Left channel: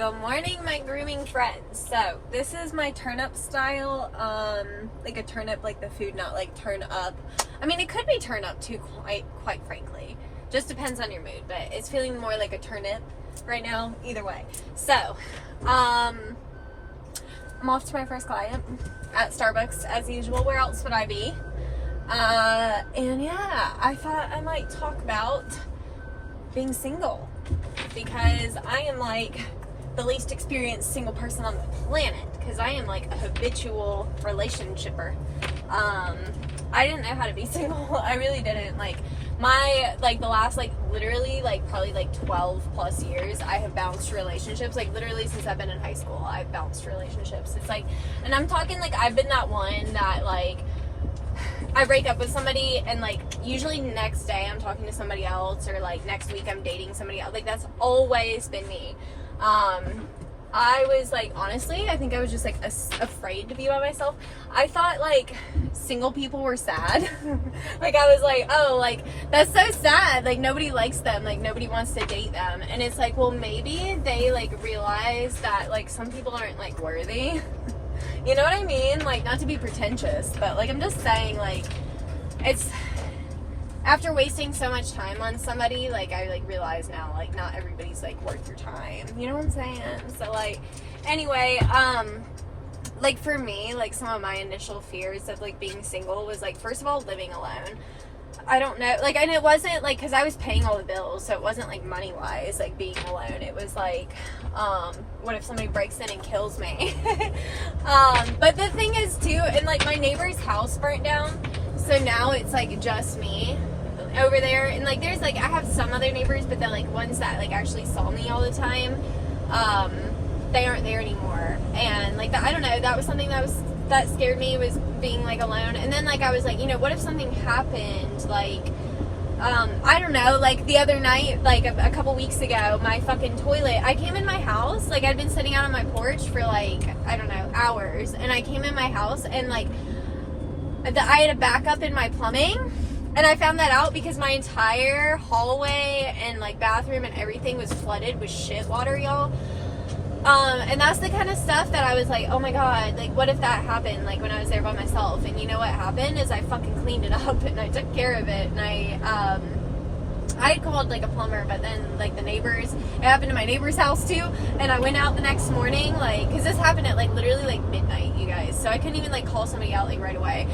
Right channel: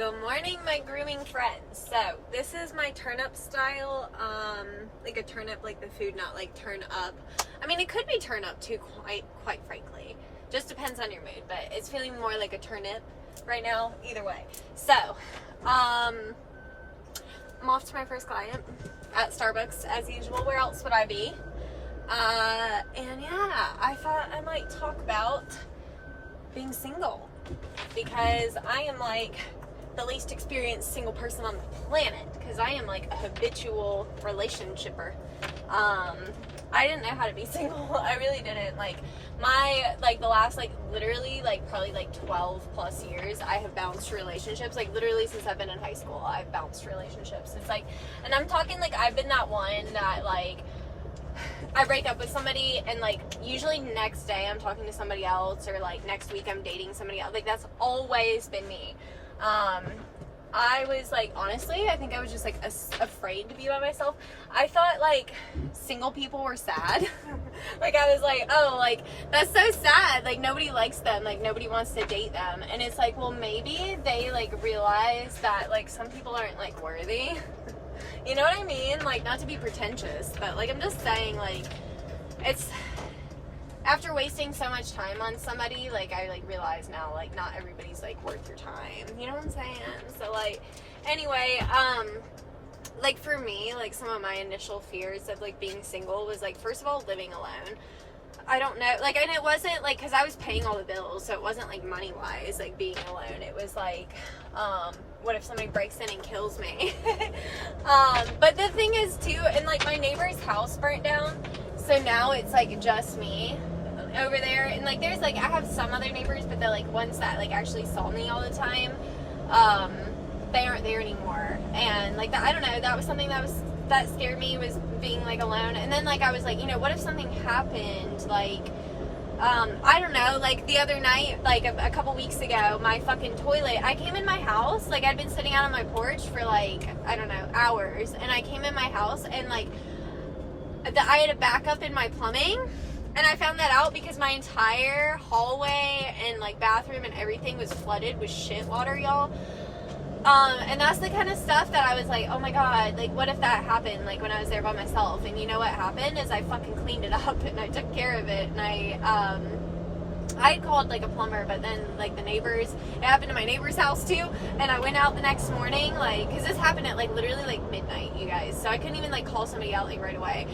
Good morning, my grooming friends. So this is my turnip style, like a turnip, like the food, not like turn up. I mean, it could be turn up too, quite frankly. Just depends on your mood, but it's feeling more like a turnip right now. Either way. So, I'm off to my first client at Starbucks as usual. Where else would I be? And yeah, I thought I might talk about being single because I am like the least experienced single person on the planet because I am like a habitual relationshipper. I didn't know how to be single. I really didn't. Like the last literally probably 12 plus years I have bounced relationships. Like literally since I've been in high school I've bounced relationships. It's like, and I'm talking like I've been that one that I break up with somebody and usually next day I'm talking to somebody else, or next week I'm dating somebody else. That's always been me. I was honestly, I think I was just afraid to be by myself. I thought single people were sad. I was oh, that's so sad. Nobody likes them. Nobody wants to date them. And it's well, maybe they realize that some people aren't worthy. You know what I mean? Not to be pretentious, but I'm just saying it's after wasting so much time on somebody, I realize now not everybody's worth your time. You know what I'm saying? So anyway, for me, some of my initial fears of being single was first of all, living alone. I don't know, and it wasn't because I was paying all the bills, so it wasn't money wise being alone. It was what if somebody breaks in and kills me? But the thing is too, and my neighbor's house burnt down, so now it's just me over there. And there's I have some other neighbors, but they're ones that actually saw me all the time. They aren't there anymore, and I don't know, that was something that scared me, was being alone. And then I was what if something happened, I don't know, the other night, a couple weeks ago, my fucking toilet, I came in my house, I'd been sitting out on my porch for I don't know, hours, and I came in my house and I had a backup in my plumbing, and I found that out because my entire hallway and bathroom and everything was flooded with shit water, y'all. And that's the kind of stuff that I was oh my god, what if that happened, when I was there by myself? And you know what happened is I fucking cleaned it up and I took care of it, and I called a plumber, but then the neighbors, it happened to my neighbor's house too, and I went out the next morning, because this happened at literally midnight, you guys, so I couldn't even call somebody out right away.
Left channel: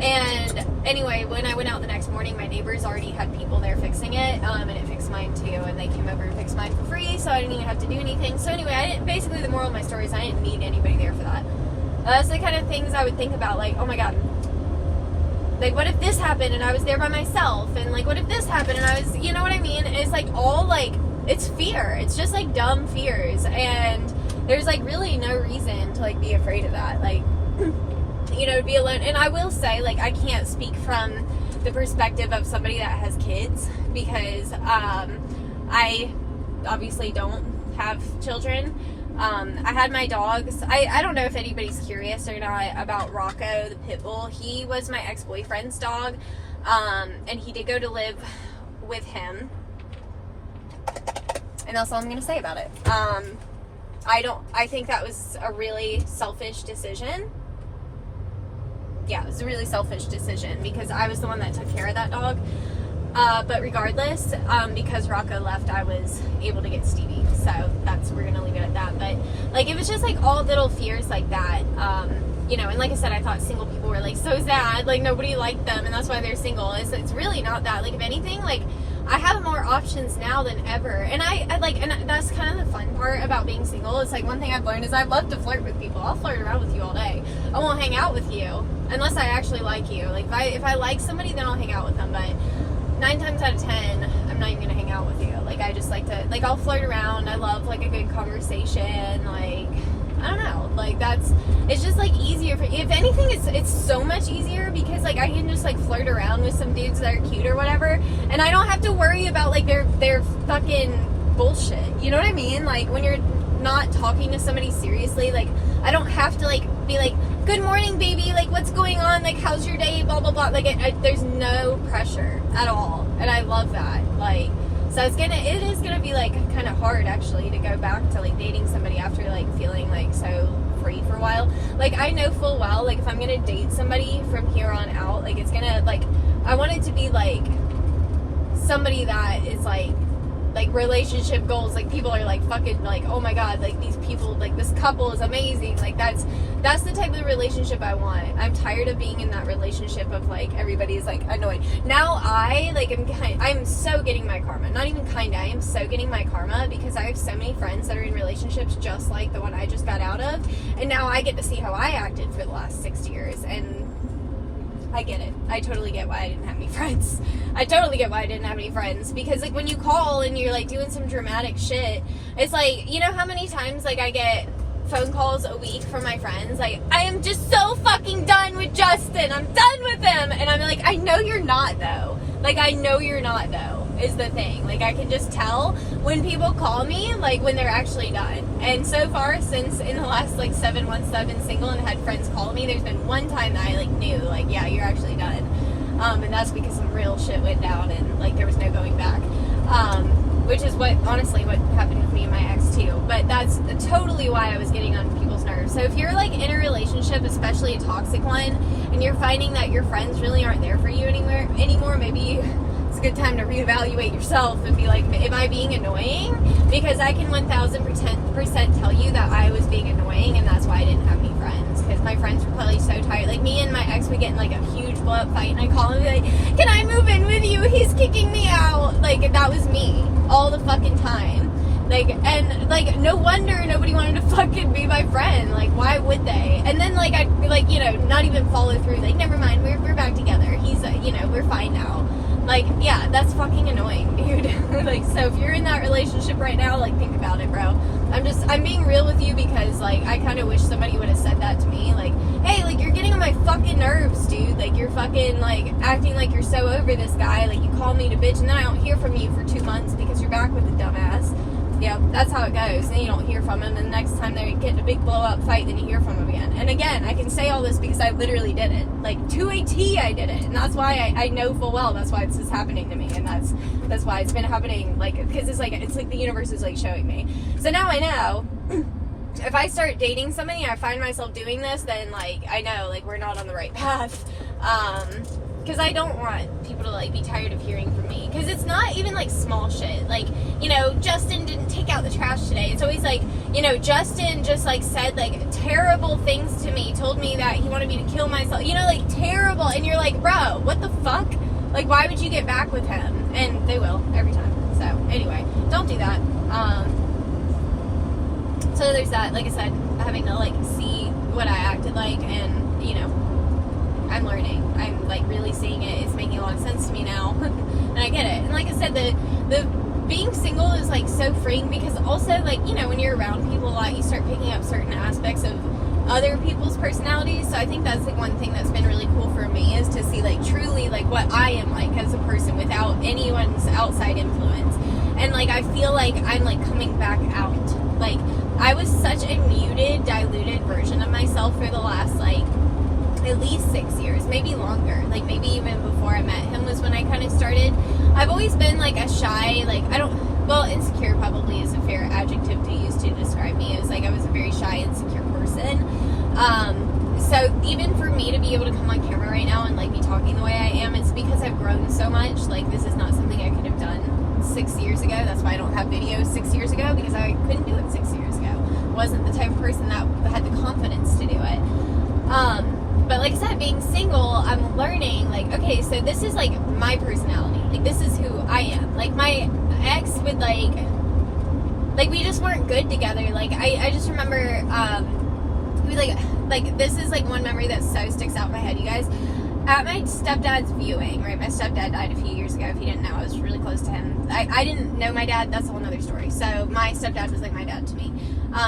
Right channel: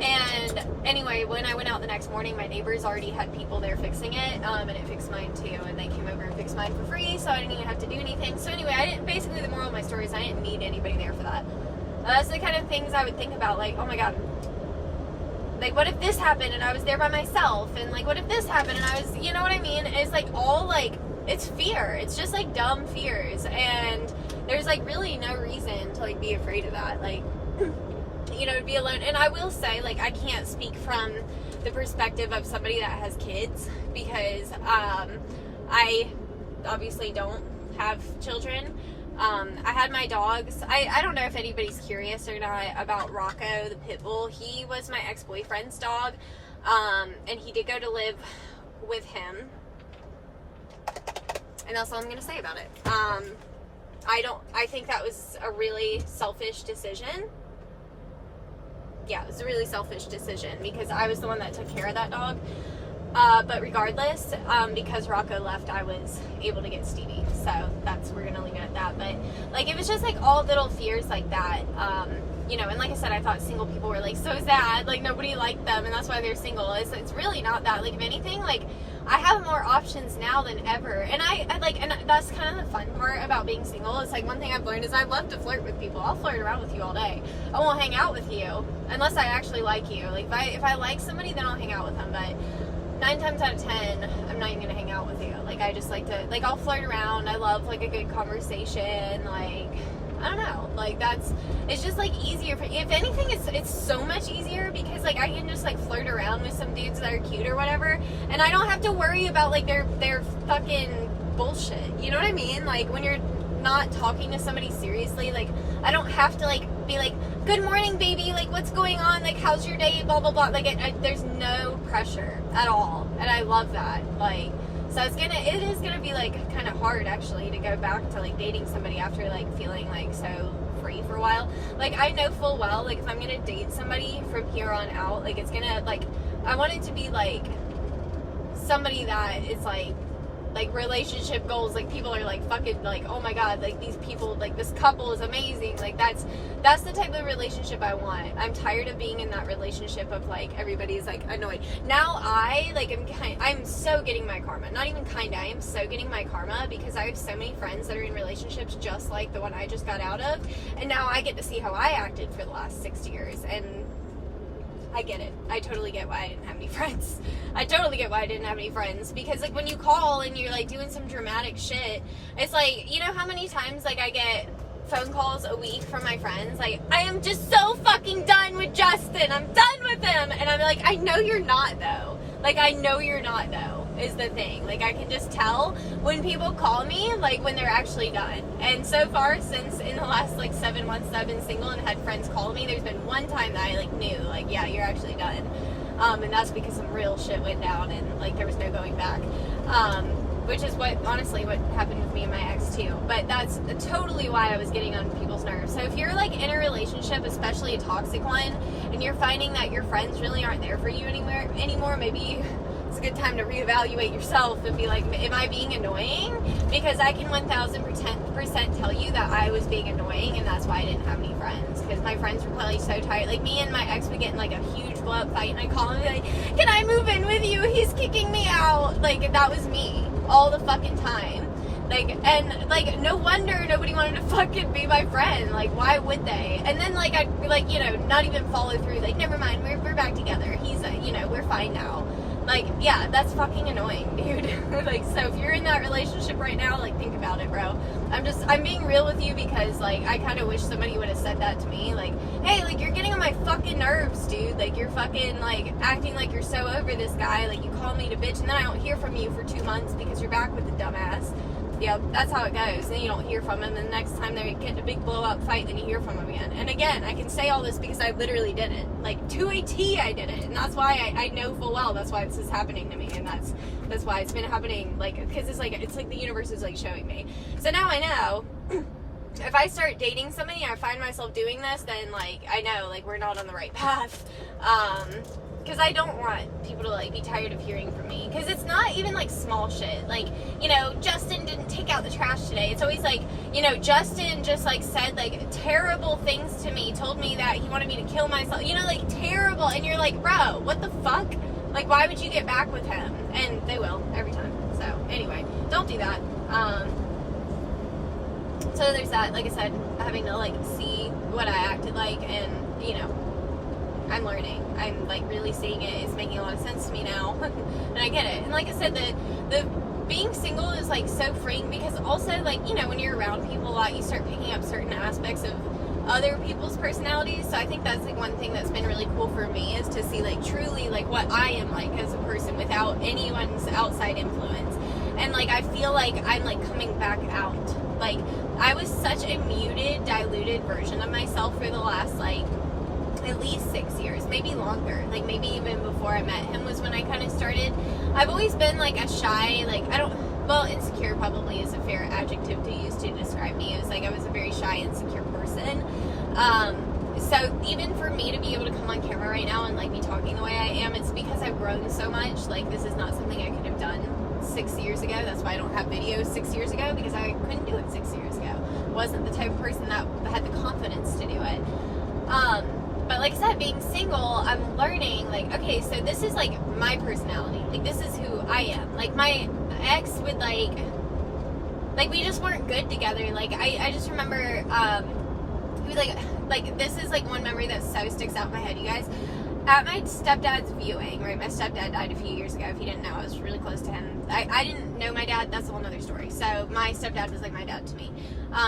And anyway, when I went out the next morning, my neighbors already had people there fixing it, and it fixed mine too, and they came over and fixed mine for free, so I didn't even have to do anything. So anyway, basically the moral of my story is I didn't need anybody there for that. That's the kind of things I would think about, oh my god, what if this happened and I was there by myself, and what if this happened and I was, you know what I mean? It's all it's fear. It's just dumb fears, and there's really no reason to be afraid of that. You know, to be alone. And I will say, I can't speak from the perspective of somebody that has kids, because I obviously don't have children. I had my dogs. I don't know if anybody's curious or not about Rocco, the pit bull. He was my ex-boyfriend's dog, and he did go to live with him, and that's all I'm gonna say about it. I think that was a really selfish decision. Yeah, it was a really selfish decision because I was the one that took care of that dog. But regardless, because Rocco left, I was able to get Stevie. So we're gonna leave it at that. But it was just all little fears like that. You know, and like I said, I thought single people were so sad, nobody liked them, and that's why they're single. It's really not that. If anything, I have more options now than ever, and I and that's kind of the fun part about being single. It's one thing I've learned is I love to flirt with people. I'll flirt around with you all day. I won't hang out with you unless I actually like you. If I like somebody, then I'll hang out with them. But 9 times out of 10, I'm not even gonna hang out with you. I just like to I'll flirt around. I love a good conversation. I don't know, it's just easier for, if anything, it's so much easier because I can just flirt around with some dudes that are cute or whatever, and I don't have to worry about their fucking bullshit. You know what I mean? When you're not talking to somebody seriously, I don't have to be good morning baby, what's going on, how's your day, blah blah blah. There's no pressure at all, and I love that. So it is gonna be like kind of hard actually to go back to like dating somebody after like feeling like so free for a while. Like I know full well like if I'm gonna date somebody from here on out, like it's gonna like I want it to be like somebody that is like relationship goals, like people are like fucking like, oh my god, like these people, like this couple is amazing, like that's the type of relationship I want. I'm tired of being in that relationship of like everybody's like annoyed. Now I'm so getting my karma, not even kinda, I am so getting my karma because I have so many friends that are in relationships just like the one I just got out of, and now I get to see how I acted for the last 6 years, and I get it. I totally get why I didn't have any friends. I totally get why I didn't have any friends. Because, like, when you call and you're, like, doing some dramatic shit, it's like, you know how many times, like, I get phone calls a week from my friends? Like, I am just so fucking done with Justin. I'm done with him. And I'm like, I know you're not, though. Like, I know you're not, though, is the thing. Like, I can just tell when people call me, like, when they're actually done. And so far, since in the last, like, 7 months that I've been single and had friends call me, there's been one time that I, like, knew, like, yeah, you're actually done. And that's because some real shit went down and, like, there was no going back. Which is honestly what happened with me and my ex, too. But that's totally why I was getting on people's nerves. So if you're, like, in a relationship, especially a toxic one, and you're finding that your friends really aren't there for you anymore, maybe it's a good time to reevaluate yourself and be like, am I being annoying? Because I can 1000% tell you that I was being annoying, and that's why I didn't have any friends. Because my friends were probably so tired. Like, me and my ex would get in, like, a huge blow-up fight, and I'd call him and be like, can I move in with you? He's kicking me out. Like, that was me all the fucking time. Like, and, like, no wonder nobody wanted to fucking be my friend. Like, why would they? And then, like, I'd, like, you know, not even follow through. Like, never mind, we're back together. He's, you know, we're fine now. Like, yeah, that's fucking annoying, dude. Like, so if you're in that relationship right now, like, think about it, bro. I'm being real with you because, like, I kind of wish somebody would have said that to me. Like, hey, like, you're getting on my fucking nerves, dude. Like, you're fucking, like, acting like you're so over this guy. Like, you call me to bitch, and then I don't hear from you for 2 months because you're back with the dumbass. Yeah, that's how it goes. Then you don't hear from him, and the next time they get in a big blow-up fight, then you hear from him again. And again, I can say all this because I literally did it. Like, to a T, I did it. And that's why I know full well that's why this is happening to me. And that's why it's been happening, like, because it's like the universe is, like, showing me. So now I know, if I start dating somebody and I find myself doing this, then, like, I know, like, we're not on the right path. Because I don't want people to, like, be tired of hearing from me. Because it's not even, like, small shit. Like, you know, Justin didn't take out the trash today. It's always, like, you know, Justin just, like, said, like, terrible things to me. Told me that he wanted me to kill myself. You know, like, terrible. And you're like, bro, what the fuck? Like, why would you get back with him? And they will, every time. So, anyway, don't do that. So there's that. Like I said, having to, like, see what I acted like. And, you know, I'm learning. I'm, like, really seeing it. It's making a lot of sense to me now. And I get it. And like I said, the being single is, like, so freeing because also, like, you know, when you're around people a lot, you start picking up certain aspects of other people's personalities. So I think that's, like, one thing that's been really cool for me is to see, like, truly, like, what I am like as a person without anyone's outside influence. And, like, I feel like I'm, like, coming back out. Like, I was such a muted, diluted version of myself for the last, like, at least 6 years, maybe longer. Like, maybe even before I met him was when I kind of started. I've always been, like, a shy, like, insecure probably is a fair adjective to use to describe me. It was, like, I was a very shy, insecure person. So even for me to be able to come on camera right now and, like, be talking the way I am, it's because I've grown so much. Like, this is not something I could have done 6 years ago. That's why I don't have videos 6 years ago, because I couldn't do it 6 years ago. I wasn't the type of person that had the confidence to do it. But like I said, being single, I'm learning, like, okay, so this is, like, my personality. Like, this is who I am. Like, my ex would, like, we just weren't good together. Like, I just remember, he was, like, this is, like, one memory that so sticks out in my head, you guys. At my stepdad's viewing, right, my stepdad died a few years ago. If you didn't know, I was really close to him. I didn't know my dad. That's a whole other story. So, my stepdad was, like, my dad to me.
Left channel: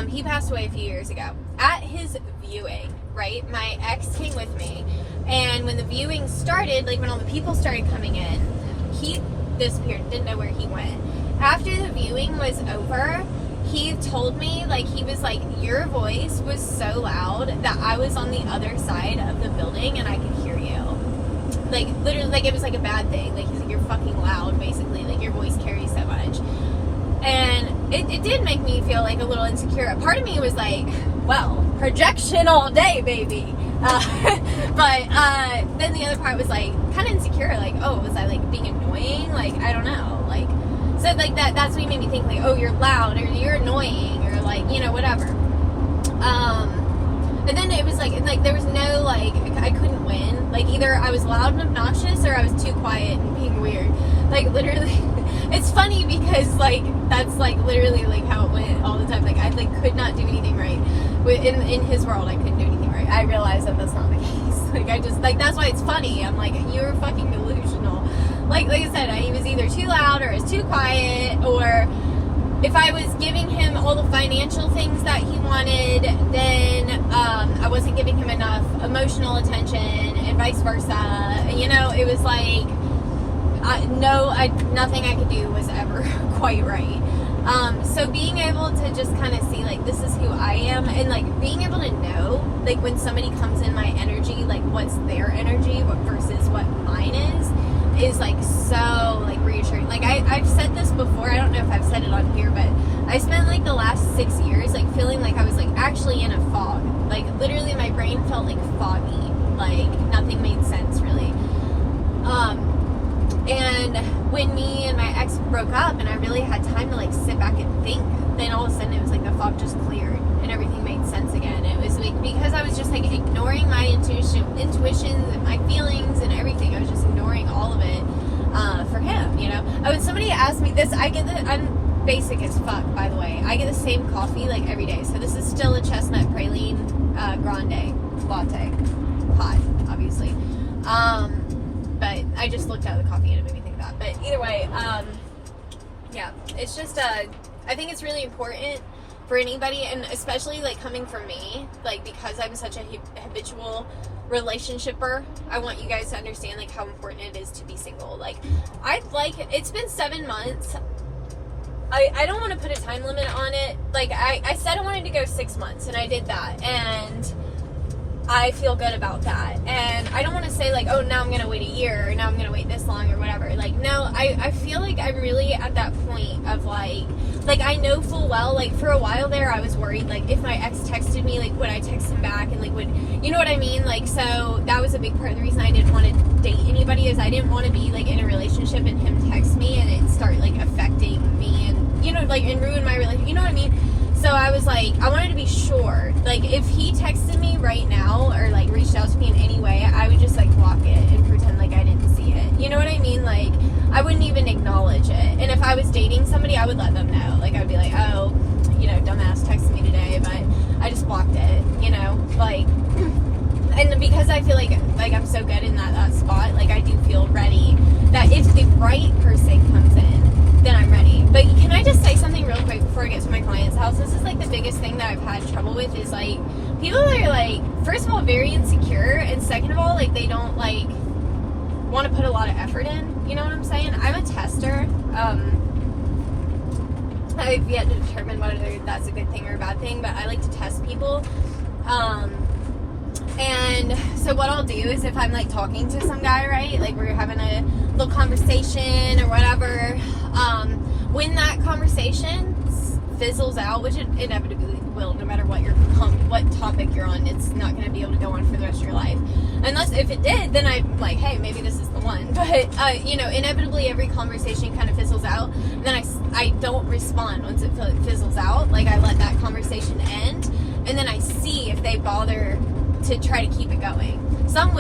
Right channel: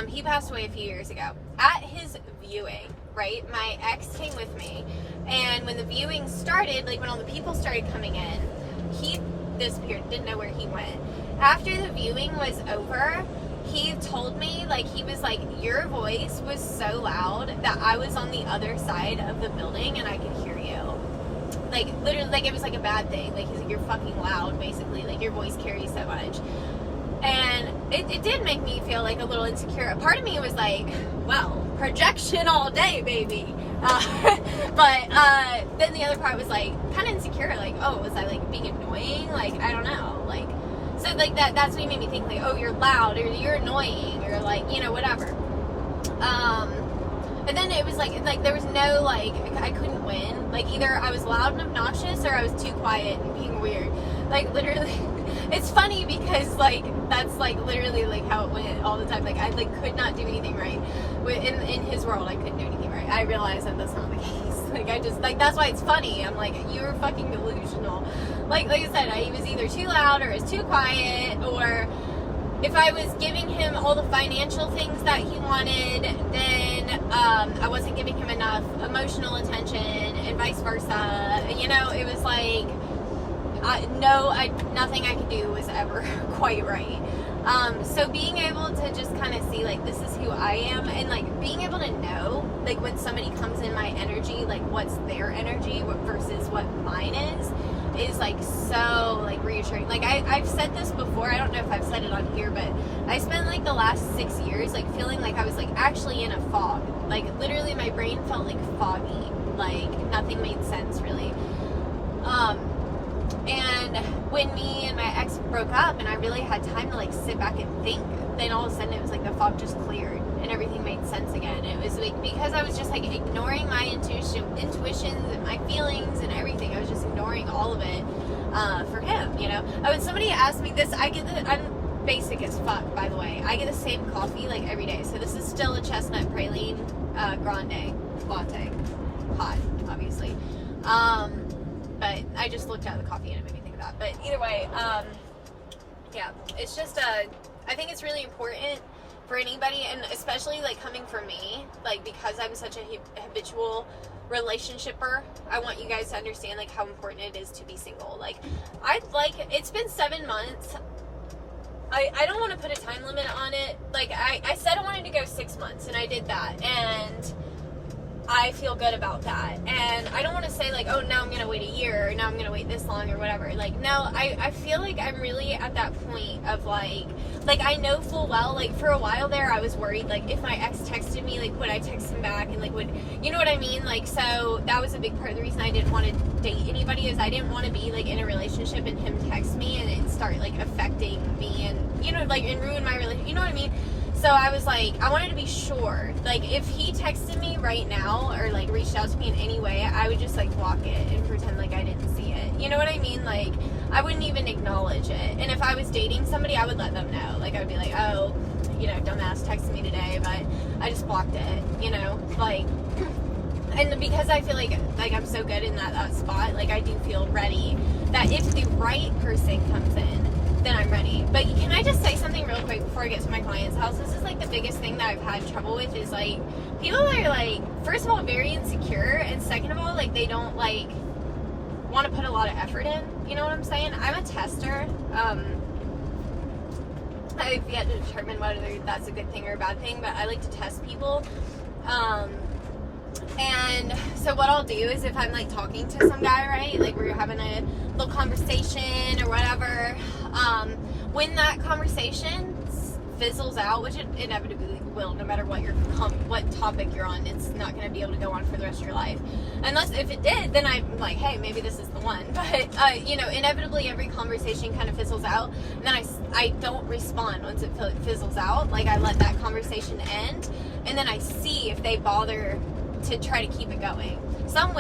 He passed away a few years ago. At his viewing, right, my ex came with me, and when the viewing started, like, when all the people started coming in, he disappeared, didn't know where he went. After the viewing was over, he told me, like, he was like, your voice was so loud that I was on the other side of the building and I could hear you. like, literally, like, it was, like, a bad thing. Like, he's like, you're fucking loud, basically. Like, your voice carries so much. And it did make me feel, like, a little insecure. A part of me was like, well, projection all day, baby. But then the other part was, like, kind of insecure. Like, oh, was I, like, being annoying? Like, I don't know. Like, so, like, that's what made me think, like, oh, you're loud, or you're annoying, or, like, you know, whatever. And then it was like there was no, like, I couldn't win. Like, either I was loud and obnoxious, or I was too quiet and being weird. Like, literally, it's funny because, like, that's, like, literally, like, how it went all the time. Like, I, like, could not do anything right. In his world, I couldn't do anything right. I realize that that's not the case. Like, I just, like, that's why it's funny. I'm like, you're fucking delusional. Like I said, he was either too loud, or I was too quiet, or if I was giving him all the financial things that he wanted, then I wasn't giving him enough emotional attention, and vice versa. You know, it was like, nothing I could do was ever quite right. So being able to just kind of see, like, this is who I am, and, like, being able to know, like, when somebody comes in my energy, like, what's their energy versus what mine is, like, so, like, reassuring. Like, I've said this before, I don't know if I've said it on here, but I spent, like, the last 6 years, like, feeling like I was, like, actually in a fog. Like, literally my brain felt, like, foggy. Like, nothing made sense, really. And when me and my ex broke up, and I really had time to, like, sit back and think, then all of a sudden it was like the fog just cleared and everything made sense again. It was like, because I was just, like, ignoring my intuitions and my feelings and everything. I was just ignoring all of it for him, you know. Oh, and somebody asked me this. I'm basic as fuck, by the way. I get the same coffee, like, every day. So this is still a chestnut praline grande latte, hot, obviously. But I just looked at the coffee and it made me think of that. But either way, yeah, it's just, I think it's really important for anybody, and especially, like, coming from me, like, because I'm such a habitual relationshipper, I want you guys to understand, like, how important it is to be single. Like, it's been 7 months. I don't want to put a time limit on it. Like, I said I wanted to go 6 months, and I did that, and I feel good about that. And I don't want to say, like, oh, now I'm going to wait a year, or now I'm going to wait this long, or whatever. Like, no, I feel like I'm really at that point of, like, I know full well, like, for a while there, I was worried, like, if my ex texted me, like, would I text him back, and, like, you know what I mean? Like, so that was a big part of the reason I didn't want to date anybody, is I didn't want to be, like, in a relationship and him text me and it start, like, affecting me and, you know, like, and ruin my relationship, you know what I mean? So I was like, I wanted to be sure. Like, if he texted me right now, or, like, reached out to me in any way, I would just, like, block it and pretend like I didn't see it. You know what I mean? Like, I wouldn't even acknowledge it. And if I was dating somebody, I would let them know. Like, I'd be like, oh, you know, dumbass texted me today, but I just blocked it, you know? Like, and because I feel like I'm so good in that spot, like, I do feel ready that if the right person comes in, then I'm ready. But can I just say something real quick before I get to my client's house? This is, like, the biggest thing that I've had trouble with, is, like, people that are, like, first of all, very insecure, and second of all, like, they don't, like, want to put a lot of effort in. You know what I'm saying? I'm a tester. I've yet to determine whether that's a good thing or a bad thing, but I like to test people. And so what I'll do is, if I'm, like, talking to some guy, right, like, we're having a little conversation or whatever, when that conversation fizzles out, which it inevitably will, no matter what topic you're on, it's not going to be able to go on for the rest of your life. Unless, if it did, then I'm like, hey, maybe this is the one. But, you know, inevitably every conversation kind of fizzles out, and then I don't respond once it fizzles out. Like, I let that conversation end, and then I see if they bother to try to keep it going. Some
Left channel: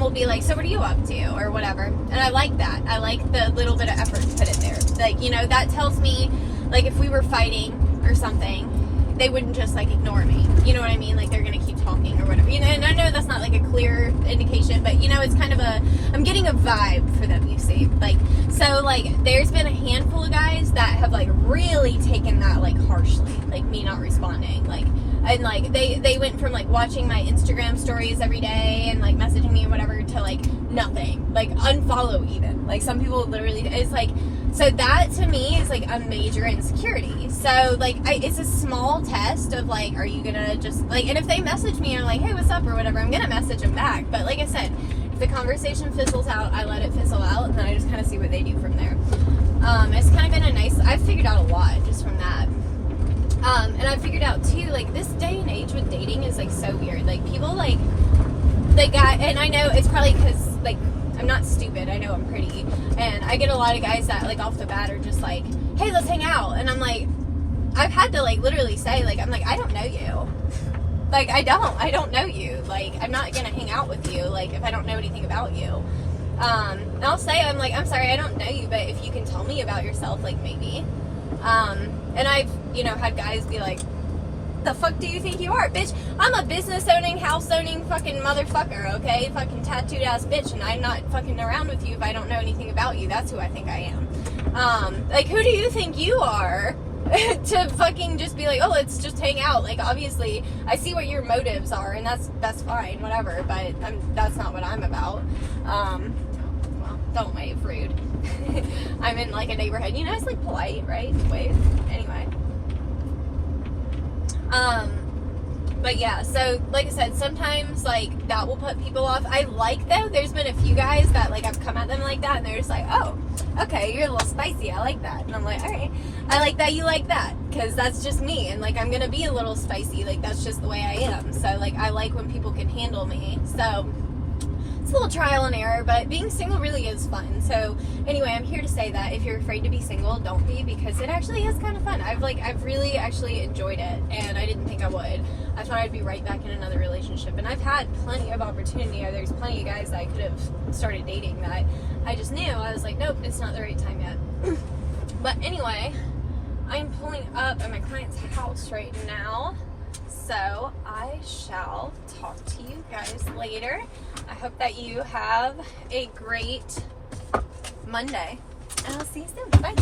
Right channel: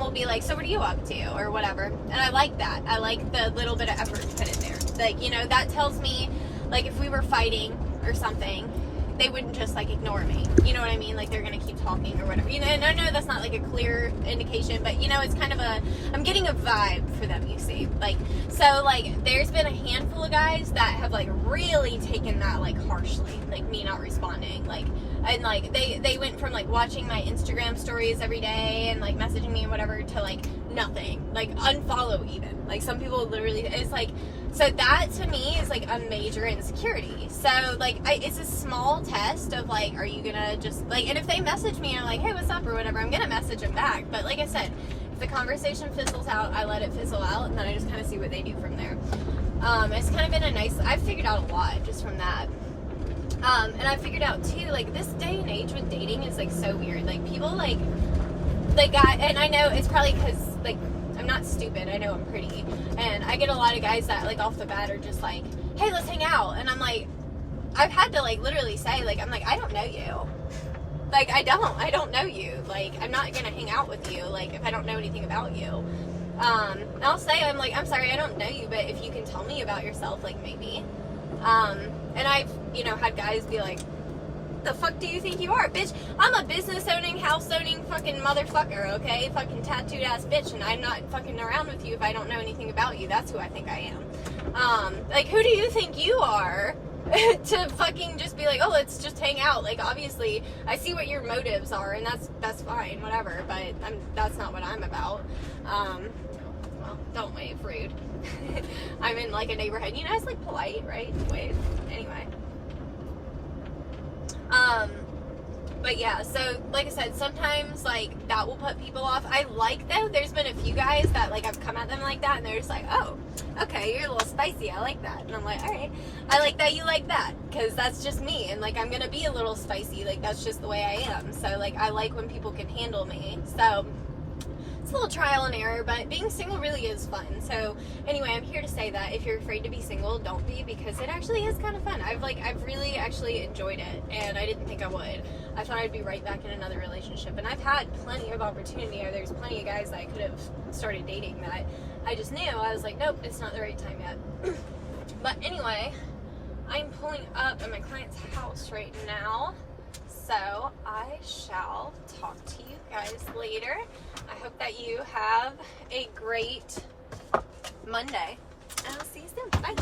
will be like, so what are you up to, or whatever. And I like that. I like the little bit of effort to put it there. Like, you know, that tells me, like, if we were fighting or something, they wouldn't just, like, ignore me. You know what I mean? Like, they're gonna keep talking or whatever. You know, and I know that's not, like, a clear indication, but, you know, it's kind of I'm getting a vibe for them, you see. Like, so, like, there's been a handful of guys that have, like, really taken that, like, harshly. Like, me not responding. Like, and, like, they went from, like, watching my Instagram stories every day and, like, messaging me and whatever to, like, nothing. Like, unfollow even. Like, some people literally, it's like, so that to me is, like, a major insecurity. So, like, it's a small test of, like, are you gonna just, like, and if they message me and are like, hey, what's up, or whatever, I'm gonna message them back. But like I said, If the conversation fizzles out, I let it fizzle out, and then I just kind of see what they do from there. It's kind of been a nice, I've figured out a lot just from that. And I figured out too, like, this day and age with dating is like so weird. Like, people like, they got, and I know it's probably because, like, I'm not stupid, I know I'm pretty, and I get a lot of guys that, like, off the bat are just like, hey, let's hang out, and I'm like, I've had to, like, literally say, like, I'm like, I don't know you. Like, I don't know you. Like, I'm not gonna hang out with you, like, if I don't know anything about you. And I'll say, I'm like, I'm sorry, I don't know you, but if you can tell me about yourself, like, maybe. And I've, you know, had guys be like, the fuck do you think you are, bitch? I'm a business owning, house owning fucking motherfucker, okay? Fucking tattooed ass bitch, and I'm not fucking around with you if I don't know anything about you. That's who I think I am. Like, who do you think you are to fucking just be like, oh, let's just hang out? Like, obviously, I see what your motives are, and that's fine, whatever, but that's not what I'm about. Well, don't wave, rude. I'm in, like, a neighborhood. You know, it's, like, polite, right? Wave. Anyway. But yeah, so like I said, sometimes like that will put people off. I like, though, there's been a few guys that like I've come at them like that and they're just like, oh, okay, you're a little spicy, I like that. And I'm like, alright, I like that you like that, because that's just me, and like I'm gonna be a little spicy, like that's just the way I am. So like I like when people can handle me. So it's a little trial and error, but being single really is fun. So anyway, I'm here to say that if you're afraid to be single, don't be, because it actually is kind of fun. I've really actually enjoyed it, and I didn't think I would. I thought I'd be right back in another relationship, and I've had plenty of opportunity. There's plenty of guys that I could have started dating that I just knew. I was like, nope, it's not the right time yet. But anyway, I'm pulling up at my client's house right now. So I shall talk to you guys later. I hope that you have a great Monday, and I'll see you soon. Bye.